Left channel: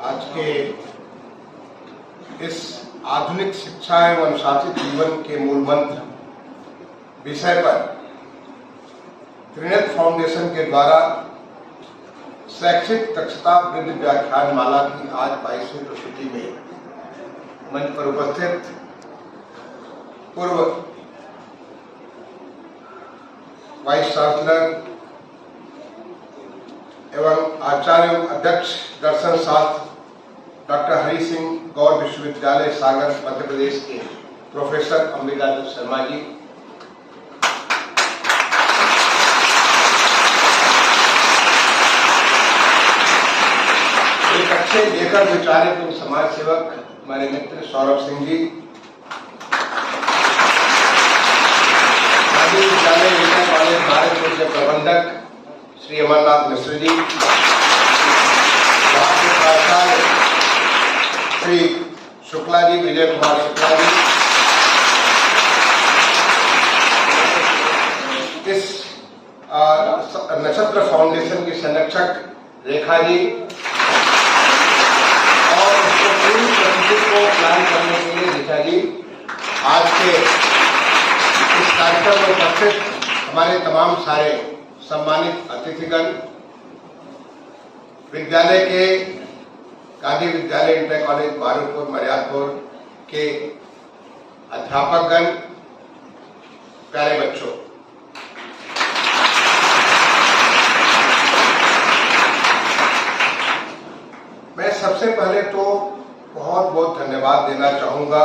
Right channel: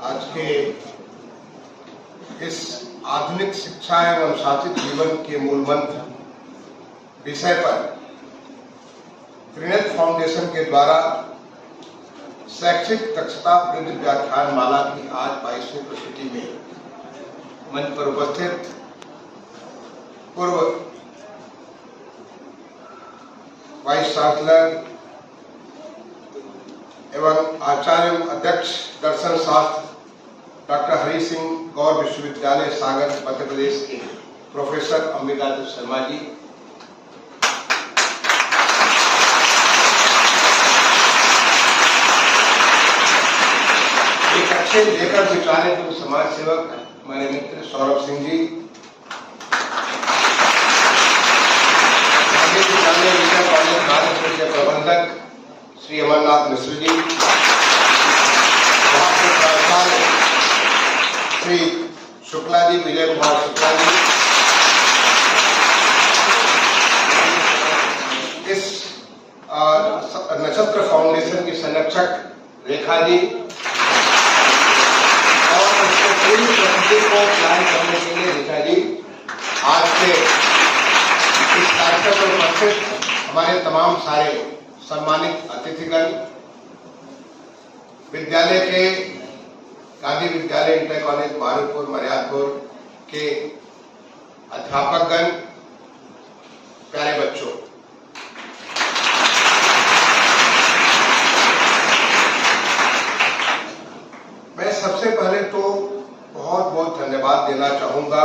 आज के इस आधुनिक शिक्षा एवं अनुशासित जीवन के मूल मंत्र विषय पर त्रिनेत्र फाउंडेशन के द्वारा शैक्षिक दक्षता वृद्धि व्याख्यान माला की आज 22वीं प्रस्तुति में मंच पर उपस्थित पूर्व वाइस चांसलर एवं आचार्य अध्यक्ष दर्शन शास्त्र डॉक्टर हरि सिंह गौर विश्वविद्यालय सागर मध्य प्रदेश के प्रोफेसर अम्बिकादत्त शर्मा जी, एक अच्छे लेखक विचारक एवं समाज सेवक हमारे मित्र सौरभ सिंह जी, विद्यालय कॉलेज भारत के प्रबंधक श्री अमरनाथ मिश्र जी, श्री शुक्ला जी, विजय कुमार शुक्ला जी, इस नक्षत्र फाउंडेशन की संरक्षक रेखा जी और पूरी प्रस्तुति को प्लान करने के लिए रेखा जी, आज के इस कार्यक्रम में उपस्थित हमारे तमाम सारे सम्मानित अतिथिगण, विद्यालय के गांधी विद्यालय इंटर कॉलेज मारूपुर मर्यादपुर के अध्यापकगण, प्यारे बच्चों, मैं सबसे पहले तो बहुत बहुत धन्यवाद देना चाहूंगा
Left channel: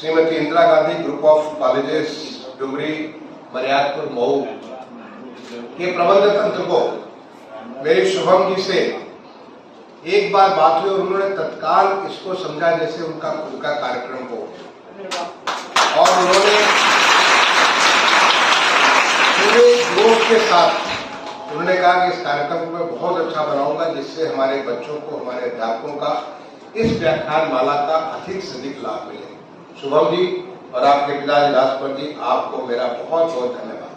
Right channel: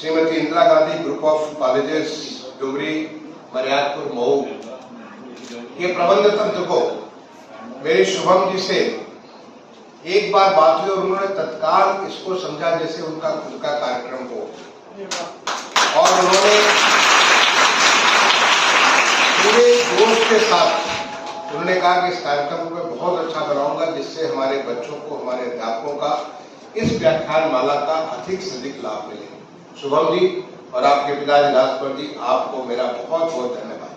Shrimati Indira Gandhi group of colleges Dumri Maryadpur Mau के प्रबंध तंत्र को। मेरे शुभम जी से एक बार बात हुई और उन्होंने तत्काल इसको समझा जैसे उनका कार्यक्रम हो, और उन्होंने पूरे जोश के साथ उन्होंने कहा कि इस कार्यक्रम को मैं बहुत अच्छा बनाऊंगा जिससे हमारे बच्चों को, हमारे अध्यापकों का इस व्याख्यान माला का अधिक से अधिक लाभ मिले। शुभम जी और आपके पिताजी राजपर जी, आपको मेरा बहुत बहुत धन्यवाद।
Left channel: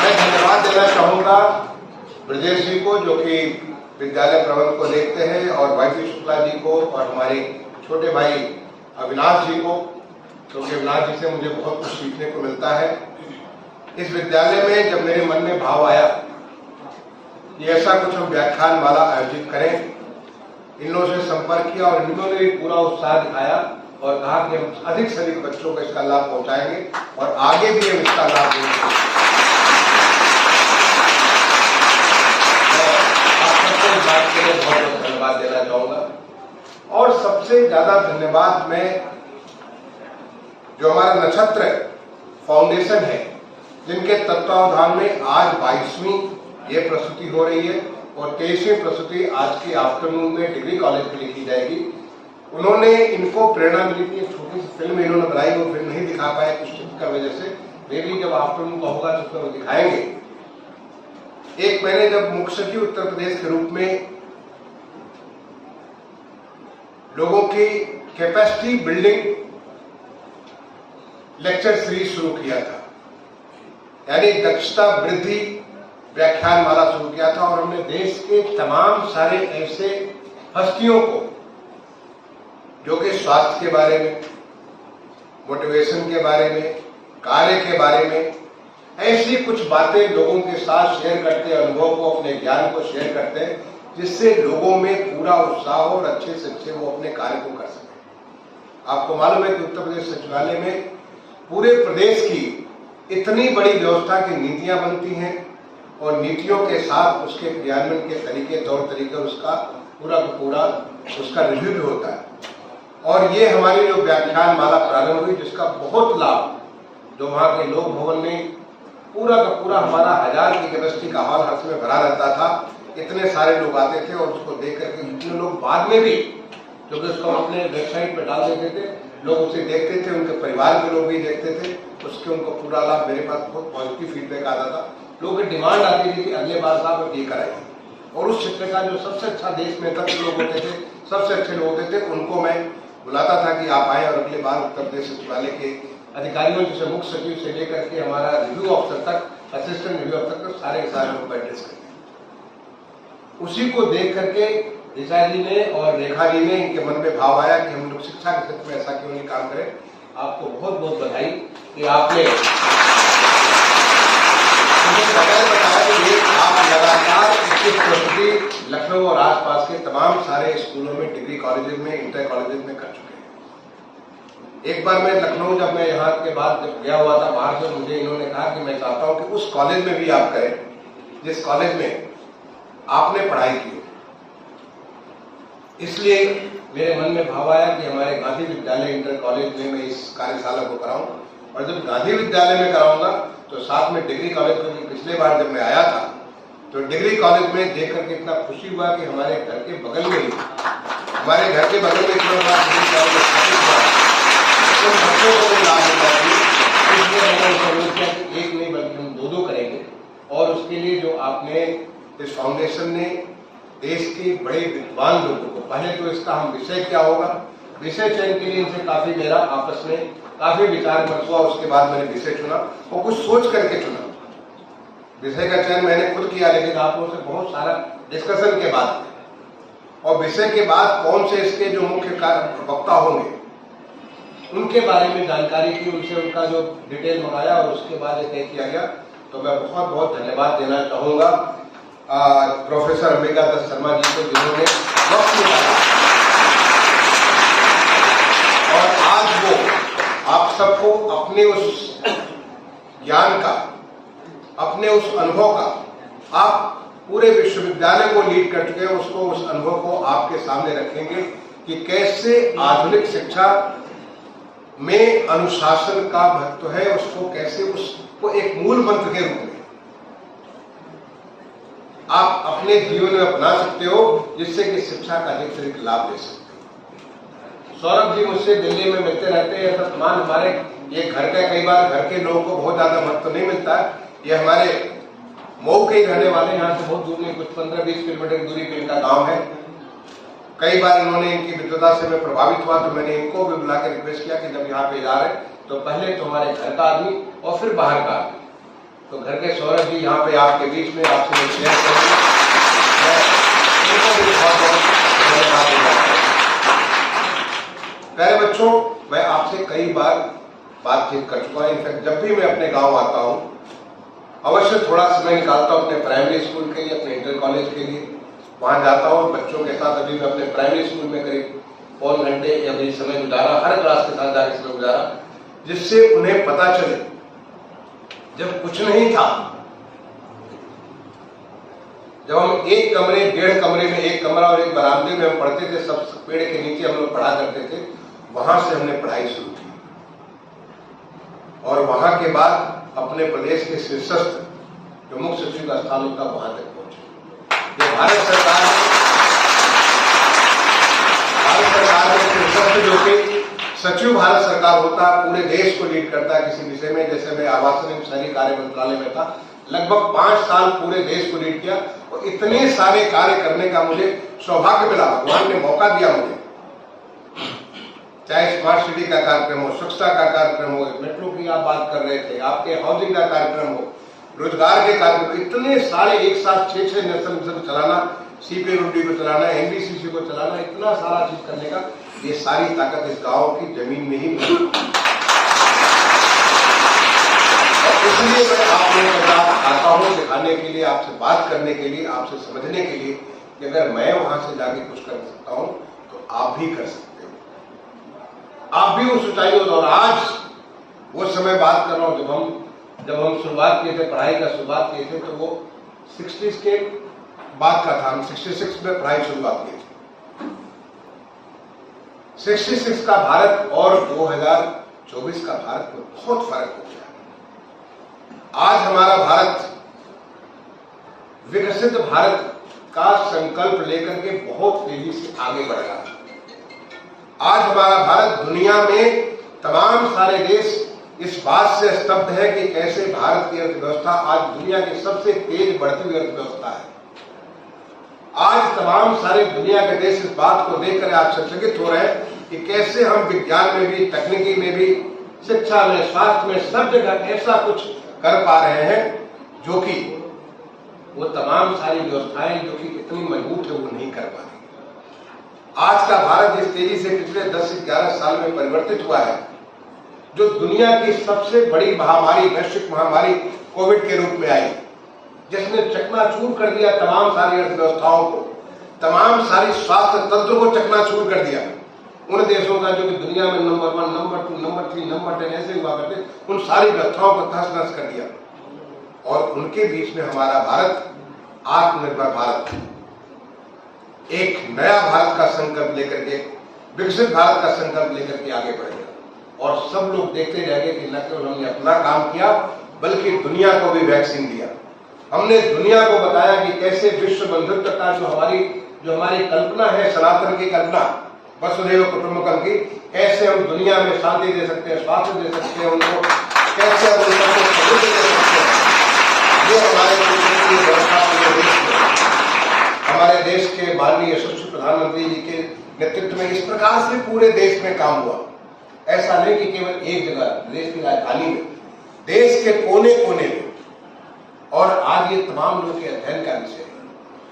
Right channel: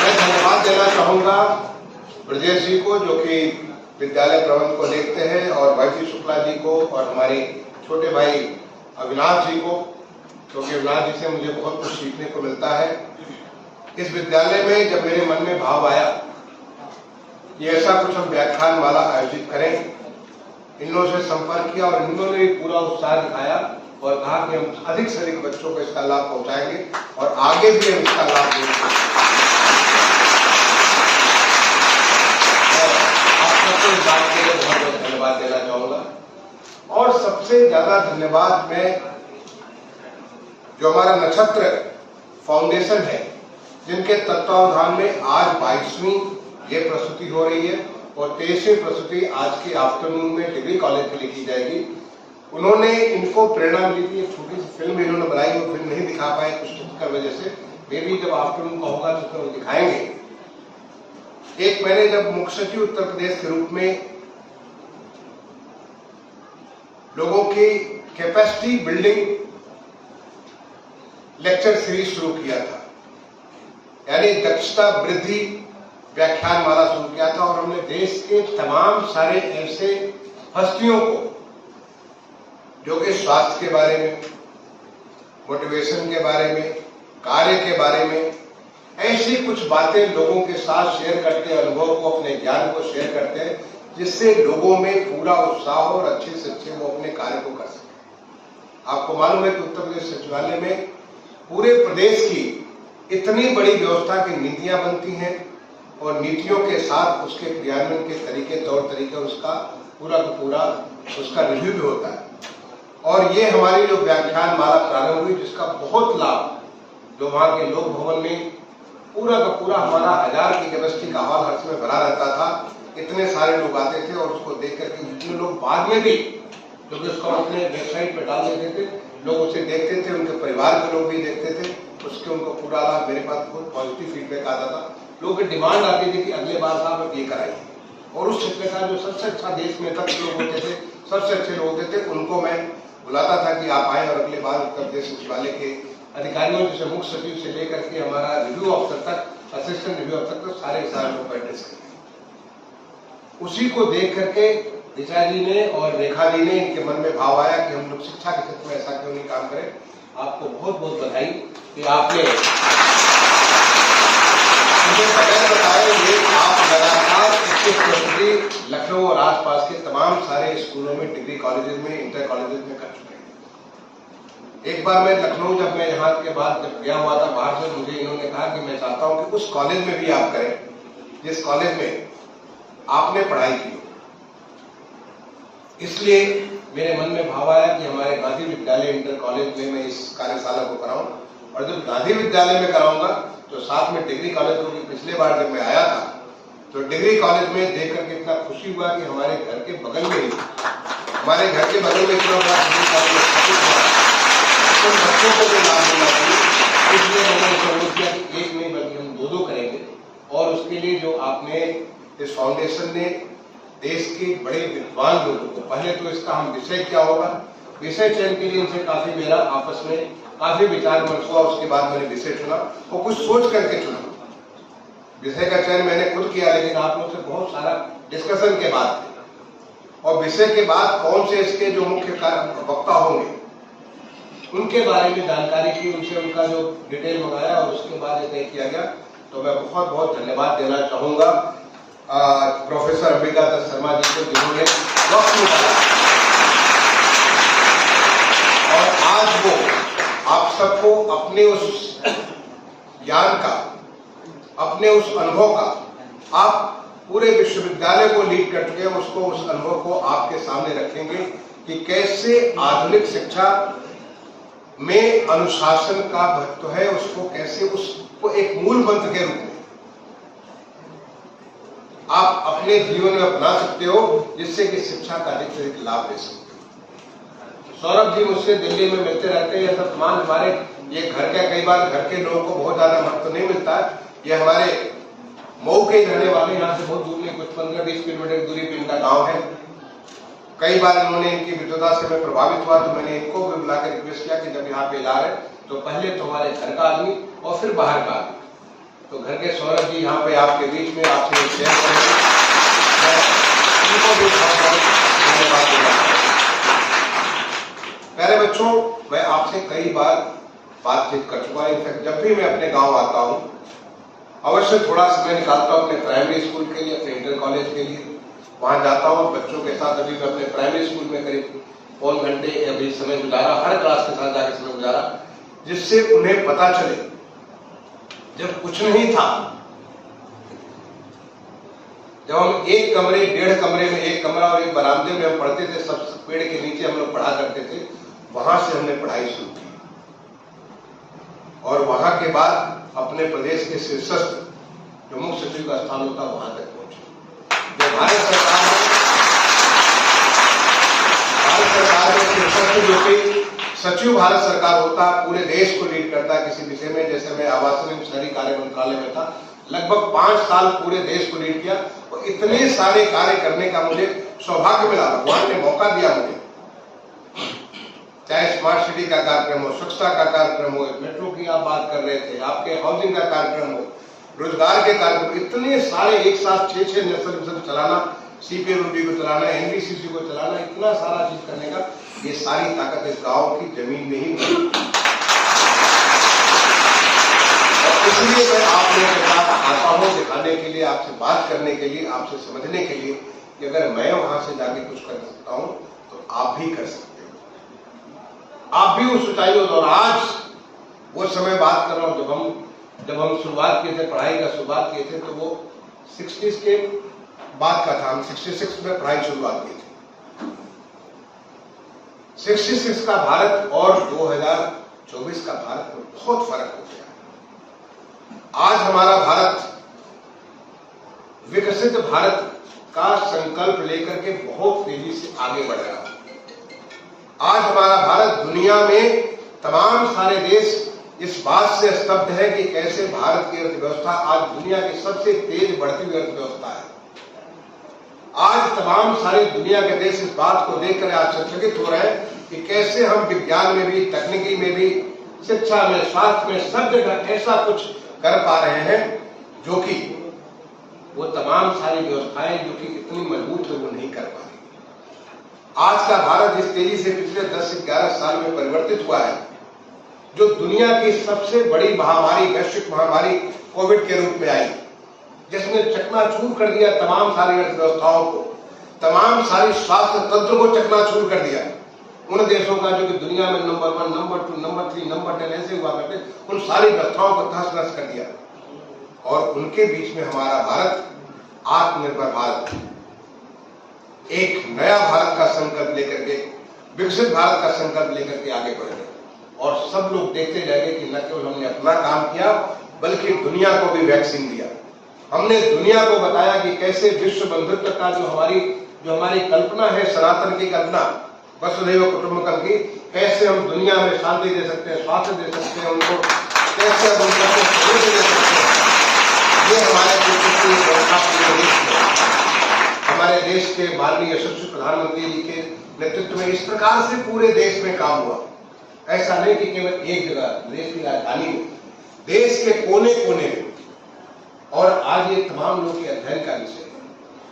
मैं धन्यवाद देना चाहूंगा ब्रजेश जी को, जो कि विद्यालय प्रबंध को देखते हैं, और भाई शुक्ला जी को, और हमारे छोटे भाई अविनाश जी को, क्योंकि अविनाश जी से मुझे बहुत कुछ सीखने को मिलता है। इस विद्यालय में जब मेरे मन में भाव आया कि ऐसा कुछ हम व्याख्यान माला आयोजित करें, इन लोगों से संपर्क किया और इन्होंने पूरा उत्साह दिखाया और कहा कि हम अधिक से अधिक बच्चों को इसका लाभ पहुंचाएंगे और आगे भी हम इसका लाभ देंगे। इस बात के लिए बहुत बहुत धन्यवाद देना चाहूंगा, और सबसे ज्यादा धन्यवाद मैं जो हमारा नक्षत्र फाउंडेशन है, जिनके तत्वावधान में आज 22वीं ये प्रस्तुति हो रही है और 23वीं प्रस्तुति आज के आफ्टरनून में डिग्री कॉलेज में लिखी जाएगी। उन्होंने, इनको प्रेरणा मिली थी, एक छोटी सी फिल्म इन्होंने बनाई, वो फिल्म नहीं दिखा पाए कुछ टिपिकल वजह से, मे भी जब आफ्टरनून का होगा तो उसमें वो दिखाएंगे। एक मैंने जब मुख्य सचिव उत्तर प्रदेश के रूप में लोगों की कैपेसिटी बिल्डिंग लेक्चर सीरीज शुरू किया था, यानी दक्षता वृद्धि व्याख्यान माला शुरू किया था, और हमने देश के तमाम सारे ऐसे हस्तियों को जो कि स्वास्थ्य के बारे में, मोटिवेशन के बारे में, कार्य के बारे में, ऐसी कुछ बातें लोगों के साथ शेयर करते हैं, अनुभव को, अपने ज्ञान को शेयर करते हैं, जिससे लोगों में पूरा उत्साह हो और अच्छे से अच्छे वो अपने कार्य को कर सके। आपको मालूम है कि उत्तर प्रदेश सचिवालय में पूरे प्रदेश की इतनी बड़ी व्यवस्था की नीतियां बनती हैं और नीतियों के साथ उसके क्रियान्वयन के तरीके, तौर तरीके, उसका पूरा उसका रिव्यू भी होता है। और ये हमारी जो व्याख्यान माला प्रारंभ हुई, जिसका बहुत लाभ, जो वहां के लोक भवन में पूरा का पूरा हमारा 1000 की कैपेसिटी का हॉल हर समय भरा रहता था, इतने सारे लोग आते थे और उसको देख करके जितने लोग बाद में भी, क्योंकि उसको हम अपने वेबसाइट पर डाल देते थे, लोग उसे देखते थे, उनके परिवार के लोग भी देखते थे, उसके उनको पूरा लाभ, मेरे पास बहुत पॉजिटिव फीडबैक आता था। लोगों की डिमांड आती थी कि अगले बार साहब ये कराइए, और उस क्षेत्र का जो सबसे अच्छा देश में तक लोग होते थे, सबसे अच्छे लोग होते थे, उनको मैं बुलाता था कि आप आए और अगले बार उत्तर प्रदेश सचिवालय के अधिकारियों जैसे मुख्य सचिव से लेकर के हमारा रिव्यू ऑफिसर तक, असिस्टेंट रिव्यू ऑफिसर तक सारे लोग का एड्रेस करें। उसी को देख करके ऋचा जी ने और रेखा जी ने, इनके मन में भाव आया कि हम लोग शिक्षा के क्षेत्र में ऐसा क्यों नहीं काम करें। आपको बहुत बहुत बधाई कि आपने मुझे बगैर बताया ये आप लगातार इसकी प्रस्तुति लखनऊ और आसपास के तमाम सारे स्कूलों में, डिग्री कॉलेजेस में, इंटर कॉलेजेस में कर चुके हैं। एक बार मैं लखनऊ, जब मैं यहाँ के बाद जब गया हुआ था बाहर से, मुझे इन्होंने कहा कि मैं चाहता हूं कि उस कॉलेज में भी आप करें जिस कॉलेज में आपने पढ़ाई की हो। इसलिए मेरे मन में भाव आया कि हमारे गांधी विद्यालय इंटर कॉलेज में मैं इस कार्यशाला को कराऊं, और जब गांधी विद्यालय में कराऊंगा तो साथ में डिग्री कॉलेज को। पिछले बार जब मैं आया था तो डिग्री कॉलेज में देख करके इतना खुशी हुआ कि हमारे घर के बगल में ही, हमारे घर के बगल में इतना बड़ा डिग्री कॉलेज स्थापित हुआ, तो बच्चों को भी लाभ होना चाहिए। इसलिए मैंने उनको अनुरोध किया कि एक नहीं बल्कि हम दो करेंगे। और उसके लिए जो आपने इस फाउंडेशन ने देश के बड़े विद्वान लोगों को, पहले तो इसका हम विषय क्या होगा, विषय चयन के लिए इनसे काफी मेरा आपस में काफी विचार विमर्श हुआ। उसके बाद मैंने विषय चुना और कुछ सोच करके चुना। विषय का चयन मैंने खुद किया, लेकिन आप लोगों से बहुत सारा डिस्कशन के बाद, और विषय के बाद कौन से इसके जो मुख्य वक्ता होंगे उनके बारे में जानकारी की, उनसे उनका जो डिटेल मंगाया और उसके बाद तय किया गया। तो मैं बहुत बहुत धन्यवाद देना चाहूंगा प्रोफेसर अंबिका दत्त शर्मा जी को, जिन्होंने वक्त निकाला और आज वो आप सबको अपने उस ज्ञान का, अपने उस अनुभव का, आप पूरे विश्वविद्यालय को लीड कर चुके हैं, उसको, उस अनुभव को आपके सामने रखेंगे कि कैसे आधुनिक शिक्षा में अनुशासन का महत्व है, उसको कैसे, उसको एक मूल मंत्र के रूप में आप अपने जीवन में अपना सकते हो, जिससे कि शिक्षा का अधिक से अधिक लाभ ले सकते हो। सौरभ जी मुझसे दिल्ली में मिलते रहते हैं, सम्मान हमारे ये घर का, कई बार घर के लोगों को बहुत ज्यादा महत्व नहीं मिलता है। ये हमारे मऊ के रहने वाले, यहाँ से बहुत दूर नहीं, कुछ 15-20 किलोमीटर दूरी पे इनका गांव है। कई बार इन्होंने, इनकी विद्वता से मैं प्रभावित हुआ तो मैंने इनको भी बुला के रिक्वेस्ट किया कि जब यहाँ पे इला रहे तो पहले तो हमारे घर का आदमी और फिर बाहर का आदमी। तो घर के सौरभ जी यहाँ पे आपके बीच में आपसे शेयर करेंगे, प्यारे बच्चों, मैं आपसे कई बार बातचीत कर चुका हूं। इनफैक्ट जब भी मैं अपने गांव आता हूं, अवश्य थोड़ा समय निकालता हूं अपने प्राइमरी स्कूल के लिए, अपने इंटर कॉलेज के लिए, वहां जाता हूं बच्चों के साथ। अभी मैं अपने प्राइमरी स्कूल में करीब पौन घंटे अभी समय गुजारा, हर क्लास के साथ जाकर समय गुजारा, जिससे उन्हें पता चले जब कुछ नहीं था, जब हम एक कमरे, 1.5 कमरे में, एक कमरा और एक बरामदे में हम पढ़ते थे, सब पेड़ के नीचे हम लोग पढ़ा करते थे, वहां से हमने पढ़ाई शुरू की। और वहां के बाद अपने प्रदेश के शीर्षस्थ जो मुख्य सचिव का स्थान होता, वहां तक पहुंचे। जब भारत सरकार में शीर्षस्थ जो कि सचिव भारत सरकार होता है, पूरे देश को लीड करता है किसी विषय में। जैसे मैं आवासन एवं शहरी कार्य मंत्रालय में था, लगभग 5 साल पूरे देश को लीड किया, और इतने सारे कार्य करने का मुझे सौभाग्य मिला, भगवान ने मौका दिया मुझे। चाहे स्मार्ट सिटी का कार्यक्रम हो, स्वच्छता का कार्यक्रम हो, मेट्रो की आप बात कर रहे थे, आपके हाउसिंग का कार्यक्रम हो, रोजगार के कार्यक्रम, इतने सारे एक साथ 6-6 नेशनल मिशन चलाना, CPWD को चलाना, NBCC को चलाना, इतना सारा चीज करने का, ये सारी ताकत इस गांव की जमीन में ही मिली। और इसलिए मैं आप लोगों के साथ आता हूं दिखाने के लिए, आपसे बात करने के लिए, आपसे समझने के लिए कि अगर मैं वहां से जाके कुछ कर सकता हूं तो आप भी कर सकते हो, आप भी उस ऊंचाइयों। और आज वो समय बात कर रहा हूं जब हम शुरुआत किए थे, पढ़ाई का शुरुआत किए थे, तो वो 60s के बाद का था। हम 66 में पढ़ाई शुरुआत की थी। 66 का भारत और 2024 का भारत में बहुत फर्क हो गया। आज हमारा भारत विकसित भारत का संकल्प लेकर के बहुत तेजी से आगे बढ़ रहा है। आज हमारा भारत दुनिया में तमाम सारे देश इस बात से स्तब्ध है कि कैसे भारत की अर्थव्यवस्था आज दुनिया की सबसे तेज बढ़ती हुई अर्थव्यवस्था है। आज तमाम सारे दुनिया के देश इस बात को लेकर आश्चर्यचकित हो रहे हैं कि कैसे हम विज्ञान में भी, तकनीकी में भी, शिक्षा में, स्वास्थ्य में, सब जगह ऐसा कुछ कर पा रहे हैं जो कि वो तमाम सारी व्यवस्थाएं जो कि इतनी मजबूत है वो नहीं कर पा रही। आज का भारत जिस तेजी से पिछले 10 से 11 साल में परिवर्तित हुआ है, जो दुनिया की सबसे बड़ी महामारी, वैश्विक महामारी कोविड के रूप में आई, जिसने चकनाचूर कर दिया तमाम सारी अर्थव्यवस्थाओं को, तमाम सारी स्वास्थ्य तंत्र को चकनाचूर कर दिया। उन देशों का जो कि दुनिया में नंबर 1, नंबर 2, नंबर 3, नंबर 10 ऐसे हुआ करते, उन सारी व्यवस्थाओं को तहस नहस कर दिया। और उनके बीच में हमारा भारत, आत्मनिर्भर भारत, एक नया भारत का संकल्प लेकर के, विकसित भारत का संकल्प लेकर के आगे बढ़ गया। और सब लोग देखते रह गए कि न केवल हमने अपना काम किया, बल्कि दुनिया को भी वैक्सीन दिया। हमने दुनिया को बताया कि कैसे विश्व बंधुत्व का जो हमारी कल्पना है, सनातन की कल्पना, वसुधैव कुटुंबकम की, कैसे हम दुनिया में शांति दे सकते हैं, स्वास्थ्य दे सकते हैं उनको, कैसे हम उनको सहयोग दे सकते हैं। ये हमारे व्यवस्था पूरे देश में, हमारे देश के माननीय यशस्वी प्रधानमंत्री जी के नेतृत्व में इस प्रकार से पूरे देश में काम हुआ। ऐसा नहीं कि केवल एक जगह, देश की राजधानी में, देश के कोने कोने में। और आज ये तमाम लोग के अध्ययन का विषय है।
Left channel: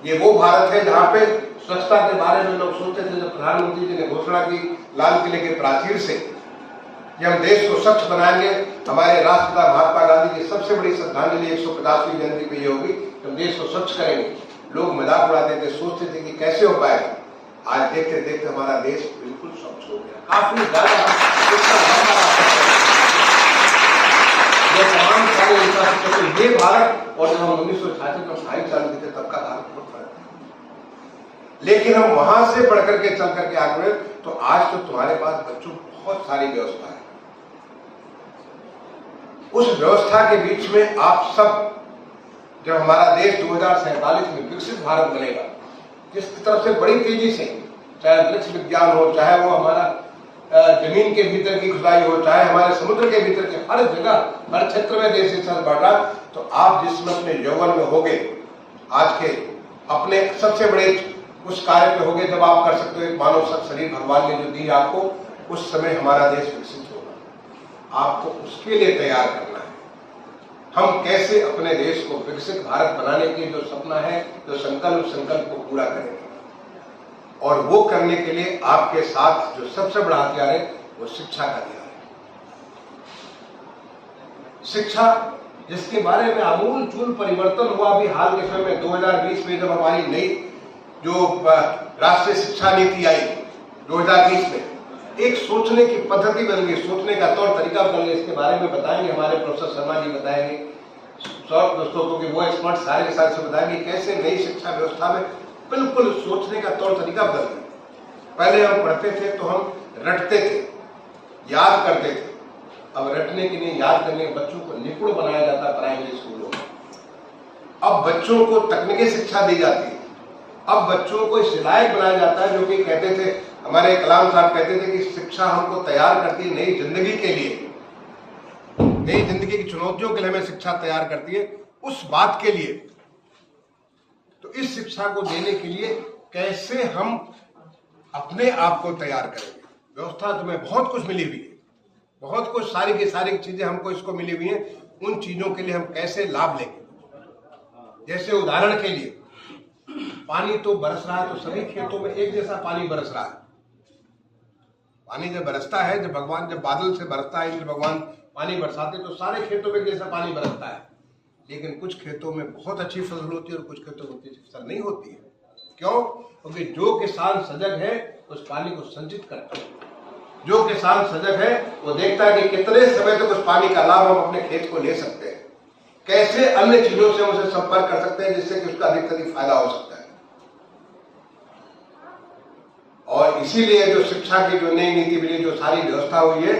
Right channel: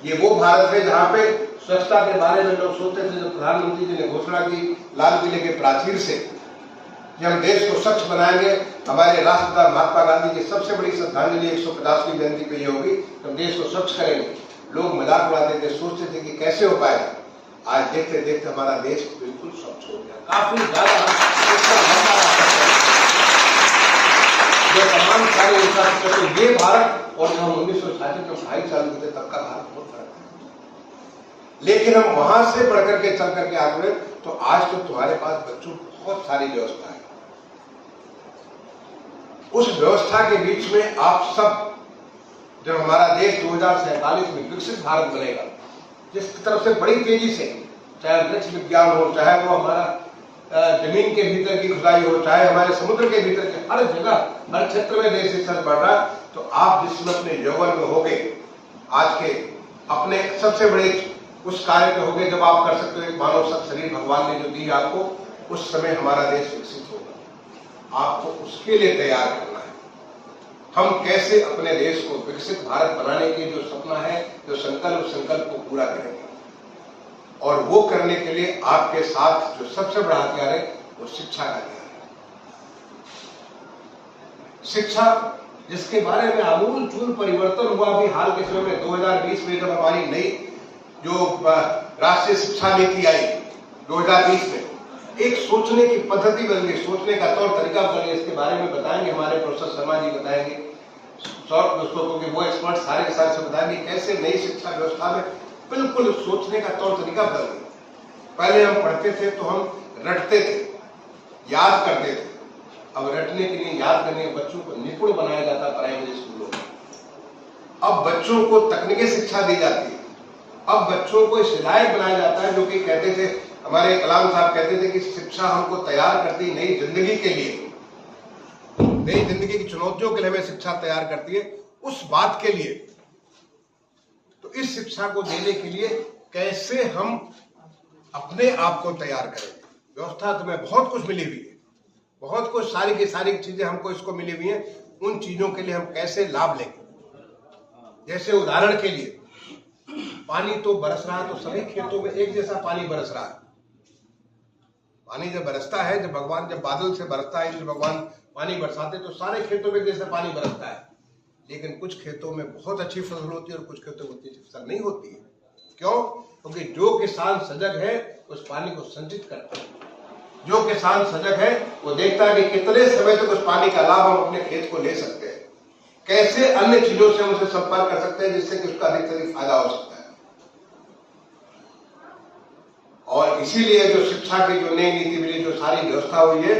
ये वो भारत है जहां पे स्वच्छता के बारे में लोग सोचते थे। जब प्रधानमंत्री जी ने घोषणा की लाल किले के प्राचीर से कि हम देश को स्वच्छ बनाएंगे, हमारे राष्ट्रपिता महात्मा गांधी की सबसे बड़ी श्रद्धांजलि 150वीं जयंती पे ये होगी, हम देश को स्वच्छ करेंगे। लोग मजाक उड़ाते थे, सोचते थे कि कैसे हो पाएगा। आज देखते देखते हमारा देश बिल्कुल स्वच्छ हो गया, काफी ज्यादा तमाम सारे इंफ्रास्ट्रक्चर। ये भारत और जब हम 1966 में 2.5 साल के थे तब का भारत बहुत फर्क है। लेकिन हम वहां से बढ़ करके चल करके आगे बढ़े, तो आज तो तुम्हारे पास बच्चों बहुत सारी व्यवस्था है। उस व्यवस्था के बीच में आप सब, जब हमारा देश 2047 में विकसित भारत बनेगा, जिसकी तरफ से बड़ी तेजी से, चाहे अंतरिक्ष विज्ञान हो, चाहे वो हमारा जमीन के भीतर की खुदाई हो, चाहे हमारे समुद्र के भीतर के, हर जगह हर क्षेत्र में देश इच्छा बढ़ा, तो आप जिसमें अपने यौवन में होगे, आज के अपने सबसे बड़े उस कार्य पे होगे जब आप कर सकते हो एक मानव शरीर भगवान ने जो दी है आपको, उस समय हमारा देश विकसित होगा। आपको उसके लिए तैयार करना है। हम कैसे अपने देश को विकसित भारत बनाने की जो सपना है, जो संकल्प, उस संकल्प को पूरा करेंगे। और वो करने के लिए आपके साथ जो सबसे बड़ा हथियार है वो शिक्षा का हथियार है। शिक्षा जिसके बारे में आमूल चूल परिवर्तन हुआ अभी हाल के समय में 2020 में, जब हमारी नई जो राष्ट्रीय शिक्षा नीति आई 2020 में, एक सोचने की पद्धति बन गई, सोचने का तौर तरीका बन गया। इसके बारे में बताएंगे हमारे प्रोफेसर शर्मा जी, बताएंगे सब दोस्तों को कि वो एक्सपर्ट सारे के सारे से बताएंगे कैसे नई शिक्षा व्यवस्था में बिल्कुल सोचने का तौर तरीका बदल गया। पहले हम पढ़ते थे तो हम रटते थे, याद करते थे। अब रटने के लिए, याद करने के बच्चों को निपुण बनाया जाता है प्राइमरी स्कूलों में। अब बच्चों को तकनीकी शिक्षा दी जाती है। अब बच्चों को इस लायक बनाया जाता है, जो कि कहते थे हमारे कलाम साहब कहते थे कि शिक्षा हमको तैयार करती नई जिंदगी के लिए, नई जिंदगी की चुनौतियों के लिए हमें शिक्षा तैयार करती है। उस बात के लिए, तो इस शिक्षा को देने के लिए कैसे हम अपने आप को तैयार करेंगे। व्यवस्था तुम्हें बहुत कुछ मिली हुई है, बहुत कुछ सारी की सारी चीजें हमको इसको मिली हुई हैं। उन चीजों के लिए हम कैसे लाभ लेंगे। जैसे उदाहरण के लिए, पानी तो बरस रहा है, तो सभी खेतों में एक जैसा पानी बरस रहा है। पानी जब बरसता है, जब बादल से बरसता है, जब भगवान पानी बरसाते तो सारे खेतों में जैसा पानी बरसता है। लेकिन कुछ खेतों में बहुत अच्छी फसल होती है और कुछ खेतों में उतनी अच्छी फसल नहीं होती है। क्यों? क्योंकि जो किसान सजग है उस पानी को संचित करता है। जो किसान सजग है वो देखता है कि कितने समय तक उस पानी का लाभ हम अपने खेत को ले सकते हैं, कैसे अन्य चीजों से हम उसे संपर्क कर सकते हैं जिससे कि उसका अधिक से अधिक फायदा हो सकता है। और इसीलिए जो शिक्षा की जो नई नीति मिली, जो सारी व्यवस्था हुई है,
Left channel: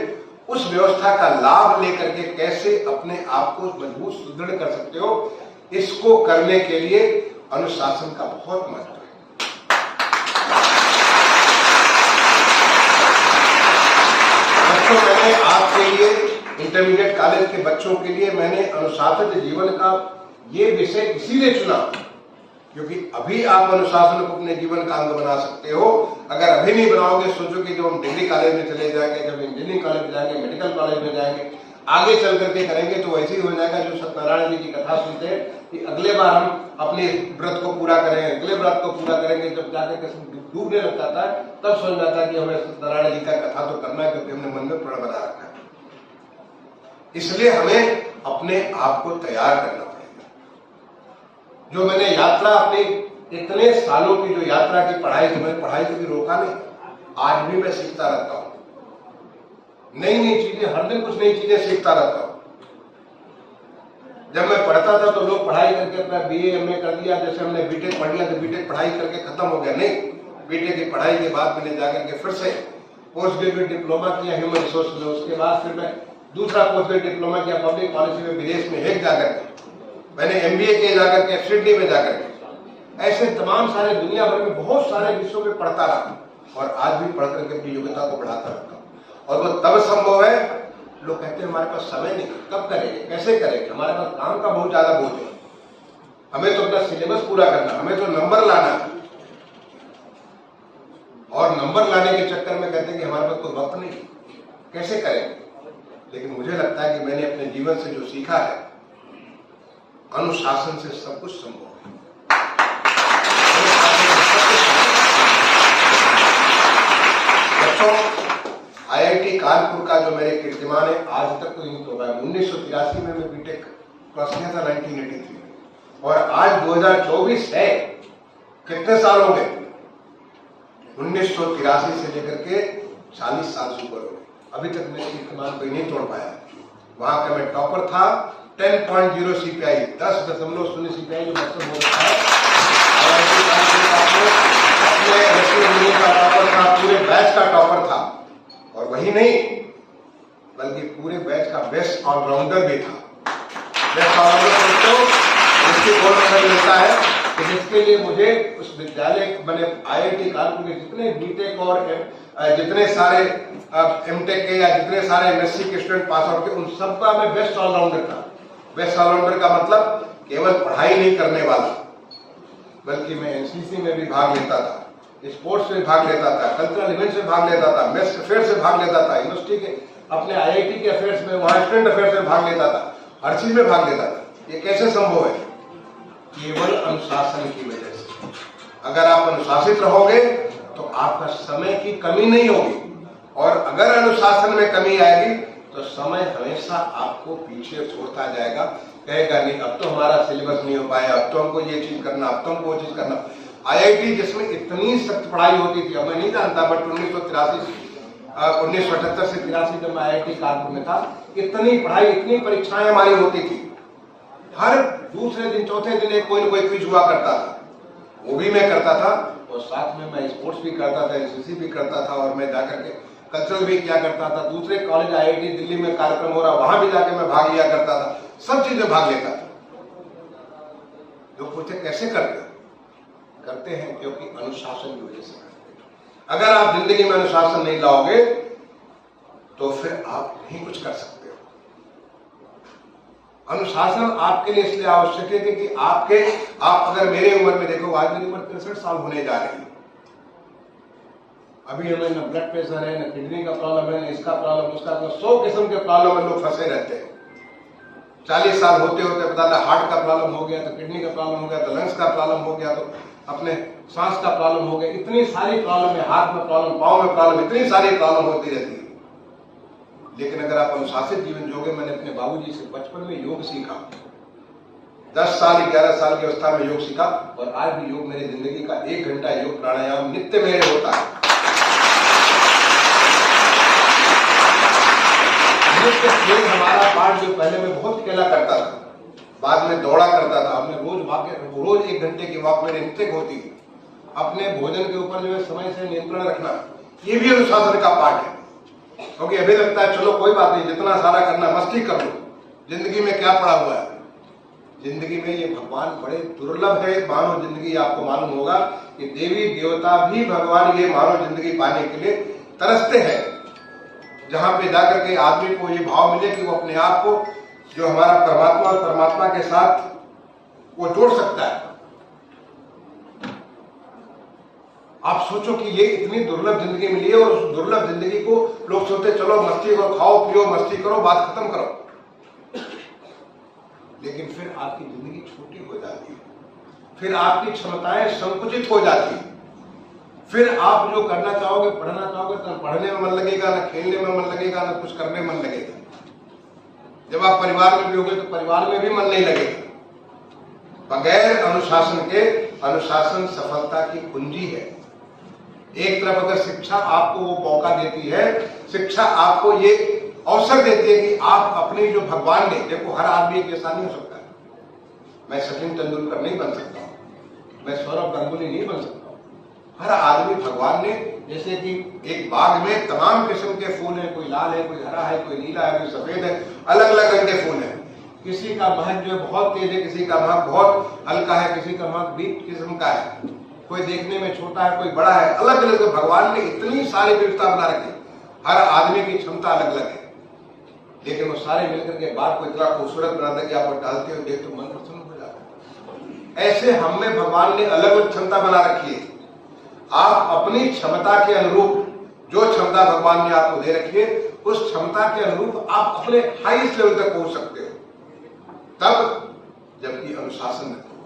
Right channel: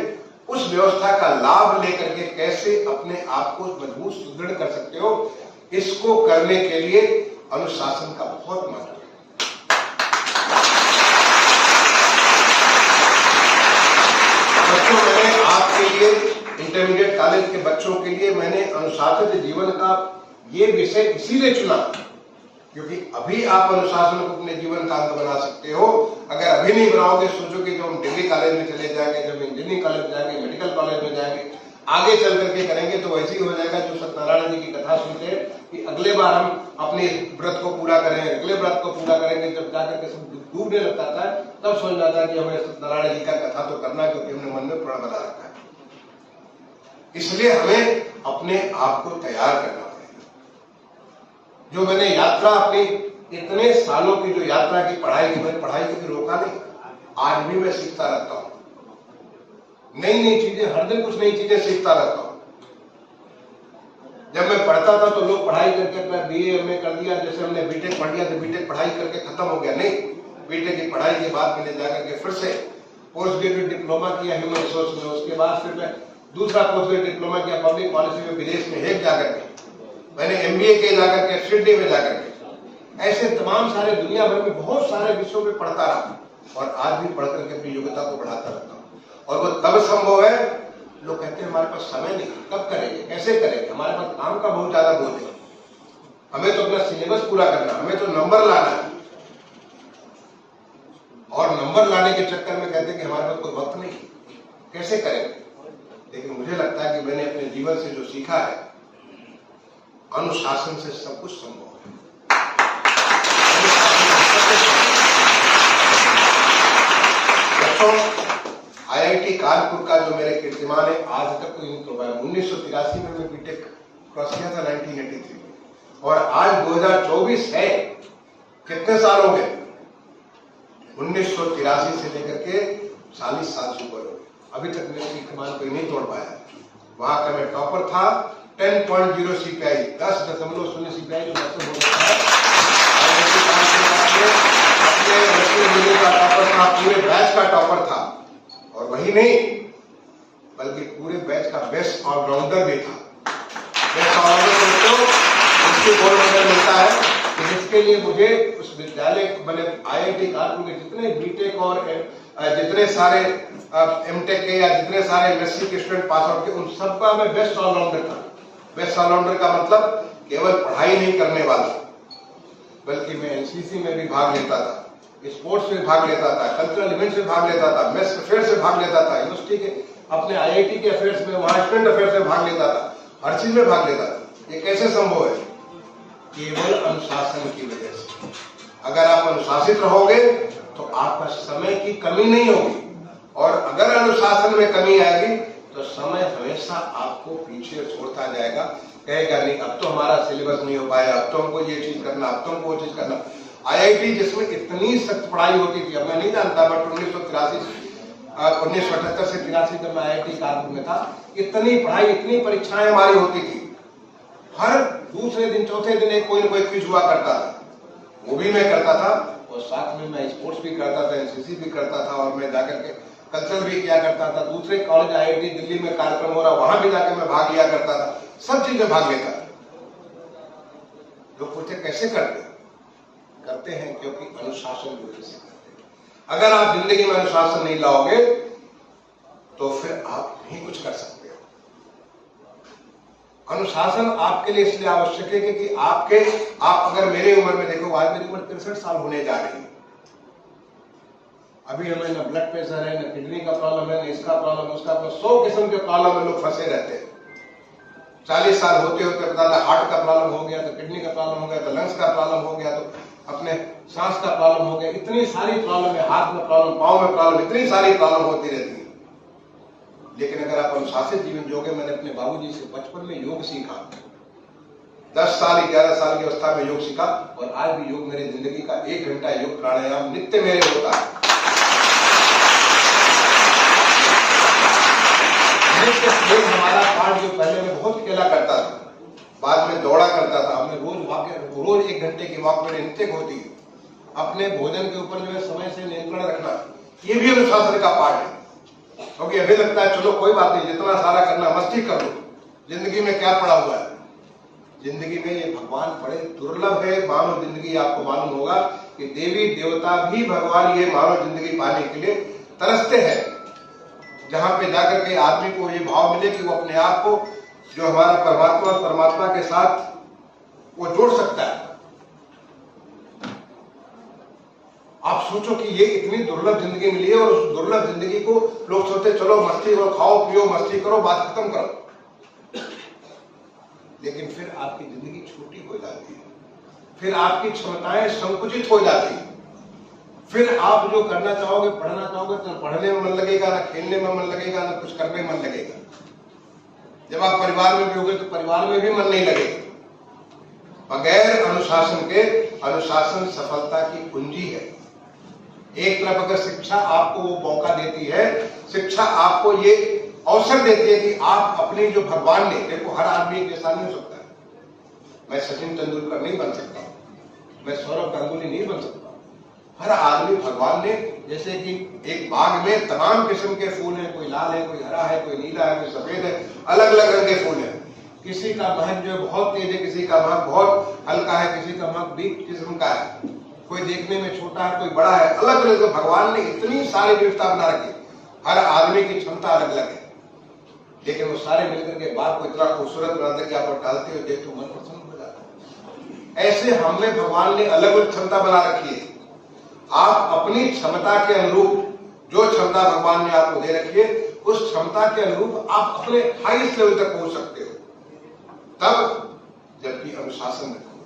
उस व्यवस्था का लाभ लेकर के कैसे अपने आप को मजबूत सुदृढ़ कर सकते हो, इसको करने के लिए अनुशासन का बहुत महत्व है। बच्चों, मैंने आपके लिए, इंटरमीडिएट कॉलेज के बच्चों के लिए मैंने अनुशासित जीवन का ये विषय इसीलिए चुना क्योंकि अभी आप अनुशासन को अपने जीवन का अंग बना सकते हो। अगर अभी नहीं बनाओगे, सोचो कि जब हम डिग्री कॉलेज में चले जाएंगे, जब इंजीनियरिंग कॉलेज में जाएंगे, मेडिकल कॉलेज में जाएंगे, आगे चल करके करेंगे तो वैसे ही हो जाएगा जो सत्यनारायण जी की कथा सुनते हैं कि अगले बार हम अपने व्रत को पूरा करेंगे, अगले व्रत को पूरा करेंगे। जब जाकर के सब डूबने लगता था तब समझ में आता है कि हमें सत्यनारायण जी का कथा तो करना है, क्योंकि हमने मन में प्रण बना रखा है। इसलिए हमें अपने आप को तैयार करना पड़ेगा। जो मैंने यात्रा अपनी इतने सालों की जो यात्रा की पढ़ाई की, मैंने पढ़ाई कभी रोका नहीं। आज भी मैं सीखता रहता हूं, नई नई चीजें, हर दिन कुछ नई चीजें सीखता रहता हूं। जब मैं पढ़ता था तो लोग पढ़ाई करके अपना बीए एमए कर दिया, जैसे हमने बीटेक पढ़ लिया तो बीटेक पढ़ाई करके खत्म हो गया। नहीं, बीटेक की पढ़ाई के बाद मैंने जाकर के फिर से पोस्ट ग्रेजुएट डिप्लोमा किया ह्यूमन रिसोर्स में। उसके बाद फिर मैं दूसरा पोस्ट ग्रेजुएट डिप्लोमा किया पब्लिक पॉलिसी में विदेश में हेग जाकर के। मैंने एमबीए किया जाकर के सिडनी में जाकर के। ऐसे तमाम सारे दुनिया भर में बहुत सारे विषयों में पढ़ता रहा और आज भी पढ़ करके अपनी योग्यता को बढ़ाता रहता हूँ। और वो तब संभव है, लोग कहते हैं हमारे पास समय नहीं, कब करेंगे, कैसे करेंगे, हमारे पास काम का बहुत ज्यादा बोझ है, हमें तो अपना सिलेबस पूरा करना, हमें तो नंबर लाना है। और नंबर लाने के चक्कर में कहते हैं कि हमारे पास कोई वक्त नहीं, कैसे करेंगे। लेकिन मुझे लगता है कि मैंने अपने जीवन से जो सीखा है, अनुशासन से सब कुछ संभव है। आईआईटी कानपुर का जो मेरे कीर्तिमान है, आज तक कोई नहीं तोड़ा है। 1983 में मैं बीटेक क्रॉस किया था, 1983 में, और आज 2024 है। कितने साल हो गए? 1983 से लेकर के 40 साल से ऊपर हो गए, अभी तक मेरे कीर्तिमान कोई नहीं तोड़ पाया। वहां का मैं टॉपर था, 10.0 CPI, 10.0 CPI जो मतलब हो रखा है। अपने का टॉपर था, पूरे बैच का टॉपर था, और वही नहीं बल्कि पूरे बैच का बेस्ट ऑलराउंडर भी था। बेस्ट ऑलराउंडर इसके गोल्ड मेडल मिलता है कि जिसके लिए मुझे उस विद्यालय मैंने आईआईटी कानपुर में जितने बीटेक और जितने सारे एमटेक के या जितने सारे एमएससी के स्टूडेंट पास आउट के, उन सबका मैं बेस्ट ऑलराउंडर था। बेस्ट ऑलराउंडर का मतलब केवल पढ़ाई नहीं करने वाला, बल्कि मैं एनसीसी में भी भाग लेता था, स्पोर्ट्स में भाग लेता था, कल्चरल इवेंट्स में भाग लेता था, मेस अफेयर्स में भाग लेता था, यूनिवर्सिटी के अपने आईआईटी के अफेयर्स में, वहां स्टूडेंट अफेयर्स में भाग लेता था, हर चीज में भाग लेता था। ये कैसे संभव है? केवल अनुशासन की वजह से। अगर आप अनुशासित रहोगे तो आपका समय की कमी नहीं होगी, और अगर अनुशासन में कमी आएगी तो समय हमेशा आपको पीछे छोड़ता जाएगा। कहेगा नहीं अब तो हमारा सिलेबस नहीं हो पाया, अब तो हमको ये चीज करना, अब तो हमको वो चीज करना। आईआईटी जिसमें इतनी सख्त पढ़ाई होती थी, अब मैं नहीं जानता, बट 1978 से 83 जब मैं आईआईटी कानपुर में था, इतनी पढ़ाई, इतनी परीक्षाएं हमारी होती थी। हर दूसरे दिन चौथे दिन एक कोई न कोई क्विज हुआ करता था, वो भी मैं करता था, और साथ में मैं स्पोर्ट्स भी करता था, एनसीसी भी करता था, और मैं जाकर के कल्चरल भी किया करता था। दूसरे कॉलेज आईआईटी दिल्ली में कार्यक्रम हो रहा, वहां भी जाकर मैं भाग लिया करता था, सब चीजें भाग लेता था। लोग पूछते कैसे करते हैं? क्योंकि अनुशासन की वजह से करते हैं। अगर आप जिंदगी में अनुशासन नहीं लाओगे तो फिर आप नहीं कुछ कर सकते हो। अनुशासन आपके लिए इसलिए आवश्यक है कि आप अगर मेरे उम्र में देखो, आज मेरी उम्र 63 साल होने जा रही है, अभी हमें न ब्लड प्रेशर है, न किडनी का प्रॉब्लम है, न इसका प्रॉब्लम, उसका प्रॉब्लम, 100 किस्म के प्रॉब्लम में लोग फंसे रहते हैं। 40 साल होते होते पता था हार्ट का प्रॉब्लम हो गया, तो किडनी का प्रॉब्लम हो गया, तो लंग्स का प्रॉब्लम हो गया, तो अपने सांस का प्रॉब्लम हो गया, इतनी सारी प्रॉब्लम है, हाथ में प्रॉब्लम, पांव में प्रॉब्लम, इतनी सारी प्रॉब्लम होती रहती है। लेकिन अगर आप अनुशासित जीवन जियोगे, मैंने अपने बाबूजी से बचपन में योग सीखा, 10 साल 11 साल की अवस्था में योग सीखा, और आज भी योग मेरी जिंदगी का 1 घंटा योग प्राणायाम नित्य मेरे होता है। खेल हमारा पार्ट जो पहले मैं बहुत खेला करता था, बाद में दौड़ा करता था, हमने रोज 1 घंटे की वॉक मेरे नित्य होती। अपने भोजन के ऊपर जो है समय से नियंत्रण रखना, ये भी अनुशासन का पार्ट है। क्योंकि अभी लगता है चलो कोई बात नहीं, जितना सारा करना, मस्ती कर लो, जिंदगी में क्या पड़ा हुआ है। जिंदगी में ये भगवान बड़े दुर्लभ है। मानव जिंदगी, आपको मालूम होगा कि देवी देवता भी भगवान ये मानव जिंदगी पाने के लिए तरसते हैं, जहां पे जाकर के आदमी को ये भाव मिले कि वो अपने आप को जो हमारा परमात्मा और परमात्मा के साथ वो जोड़ सकता है। आप सोचो कि ये इतनी दुर्लभ जिंदगी मिली है, और उस दुर्लभ जिंदगी को लोग सोचते चलो मस्ती करो, खाओ पियो, मस्ती करो, बात खत्म करो। लेकिन फिर आपकी जिंदगी छोटी हो जाती है। फिर आपकी क्षमताएं संकुचित हो जाती, फिर आप जो करना चाहोगे, पढ़ना चाहोगे, तो पढ़ने में मन लगेगा, ना खेलने में मन लगेगा, ना कुछ करने में मन लगेगा। जब आप परिवार में भी होगे तो परिवार में भी मन नहीं लगेगा। बगैर अनुशासन के, अनुशासन सफलता की कुंजी है। एक तरफ अगर शिक्षा आपको वो मौका देती है, शिक्षा आपको ये अवसर देती है कि आप अपनी जो भगवान ने, देखो हर आदमी एक जैसा नहीं हो सकता। मैं सचिन तेंदुलकर नहीं बन सकता हूं, मैं सौरभ गांगुली नहीं बन सकता हूं। हर आदमी भगवान ने, जैसे कि एक बाग में तमाम किस्म के फूल हैं, कोई लाल है, कोई हरा है, कोई नीला है, कोई सफेद है, अलग अलग रंग के फूल हैं। किसी का महक जो है बहुत तेज है, किसी का महक बहुत हल्का है, किसी का महक बीट किस्म का है, कोई देखने में छोटा है, कोई बड़ा है, अलग अलग। भगवान ने इतनी सारी विविधता बना रखी, हर आदमी की क्षमता अलग अलग है, लेकिन वो सारे मिलकर के बाग को इतना खूबसूरत बनाते कि आप डालते हो, देख तो मन प्रसन्न हो जाता है। ऐसे हम में भगवान ने अलग अलग क्षमता बना रखी है। आप अपनी क्षमता के अनुरूप, जो क्षमता भगवान ने आपको दे रखी है, उस क्षमता के अनुरूप आप अपने हाईएस्ट लेवल तक पहुंच सकते हो, तब जबकि अनुशासन रखो।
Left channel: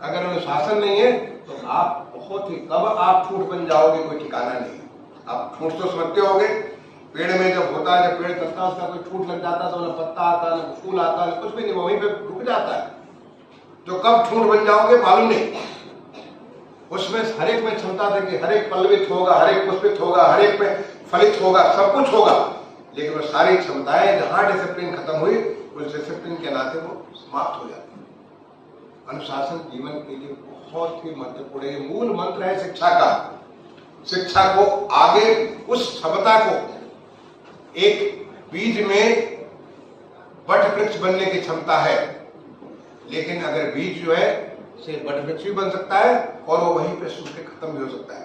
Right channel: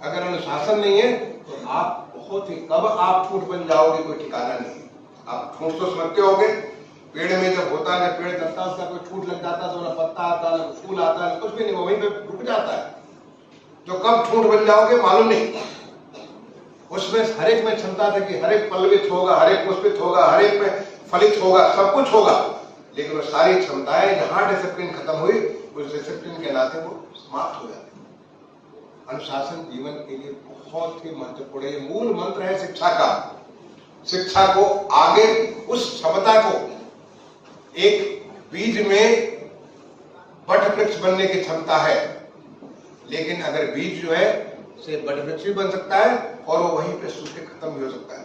अगर अनुशासन नहीं है तो आप बहुत ही, कब आप ठूंठ बन जाओगे कोई ठिकाना नहीं। आप ठूंठ तो समझते होगे, पेड़ में जब होता है, जब पेड़ चलता है, उसका कोई ठूंठ लग जाता है तो ना पत्ता आता, ना फूल आता, ना कुछ भी नहीं, वहीं पे रुक जाता है। तो कब ठूंठ बन जाओगे मालूम नहीं। उसमें हर एक में क्षमता थी कि हर एक पल्लवित होगा, हर एक पुष्पित होगा, हर एक में फलित होगा, सब कुछ होगा, लेकिन वो सारी क्षमताएं जहां डिसिप्लिन खत्म हुई, उस डिसिप्लिन के नाते वो समाप्त हो जाती। अनुशासन जीवन के लिए बहुत ही महत्वपूर्ण है, मूल मंत्र है शिक्षा का। शिक्षा को आगे, उस क्षमता को, एक बीज में वट वृक्ष बनने की क्षमता है, लेकिन अगर बीज जो है से वट वृक्ष भी बन सकता है और वो वहीं पे सूख के खत्म भी हो सकता है।